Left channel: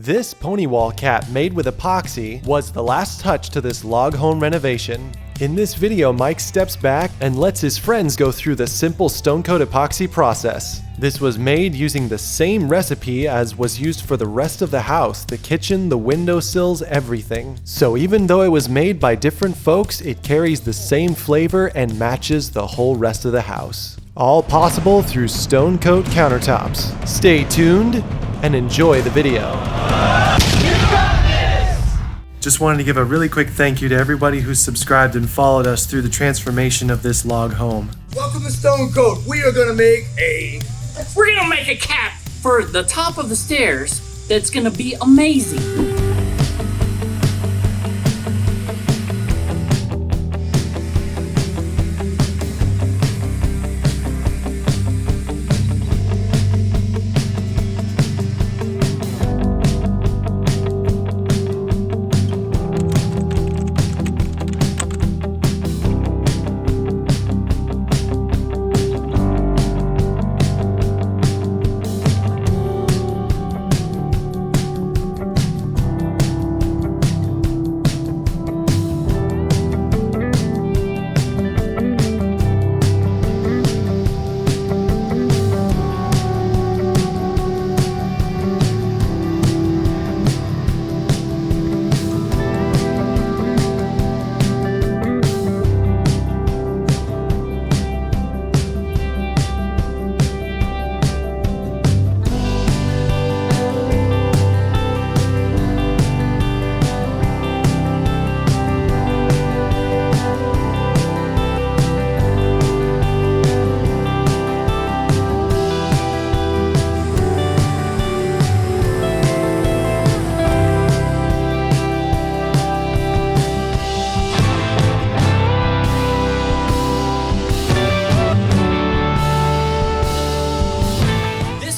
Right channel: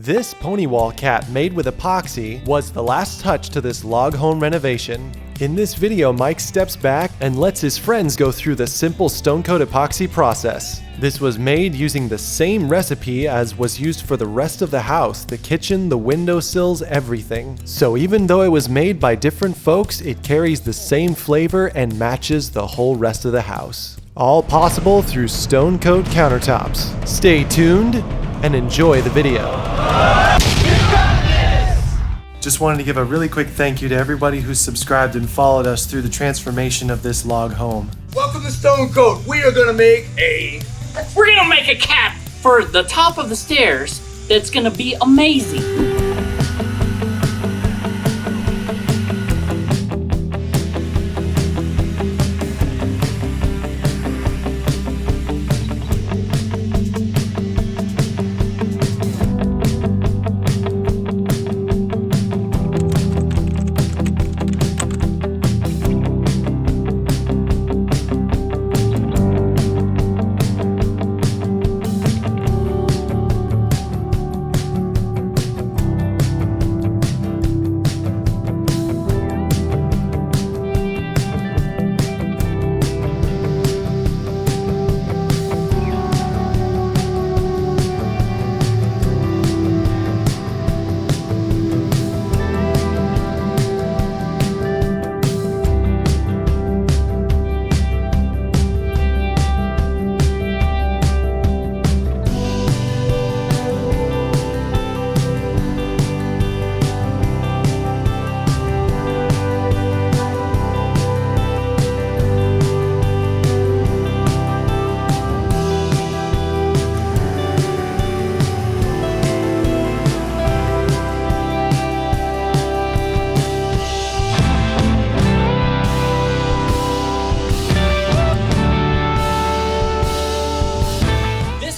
This pony wall cap made with epoxy was the last touch to this log home renovation. In this video, Mike steps back and lets his friends go through the simple Stone Coat Epoxy process. This was made using the same recipe as was used for the rest of the house, the kitchen, the windowsills, everything. So even though it was made by different folks, it carries the same flavor and matches the whole rest of the house. All possible through Stone Coat Countertops. Stay tuned and enjoy the video. Just wanted to give a really quick thank you to everybody who subscribed and followed us through the transformation of this log home. Welcome to Stone Coat. We are gonna make We're gonna make a cap for the top of the stairs that's gonna be amazing.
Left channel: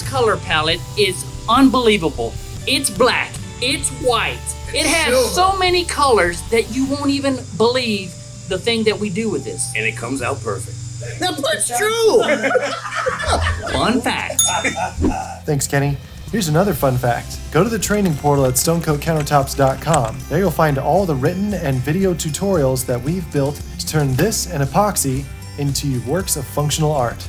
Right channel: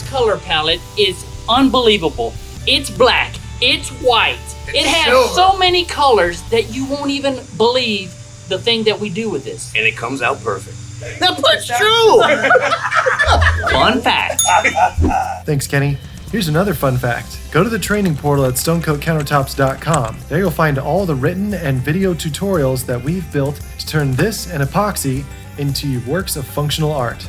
Color palette is unbelievable. It's black, it's white, it has so many colors that you won't even believe the thing that we do with this. and it comes out perfect. That's true. Fun fact. Thanks, Kenny. Here's another fun fact. Go to the training portal at stonecoatcountertops.com. There you'll find all the written and video tutorials that we've built to turn this and epoxy into works of functional art.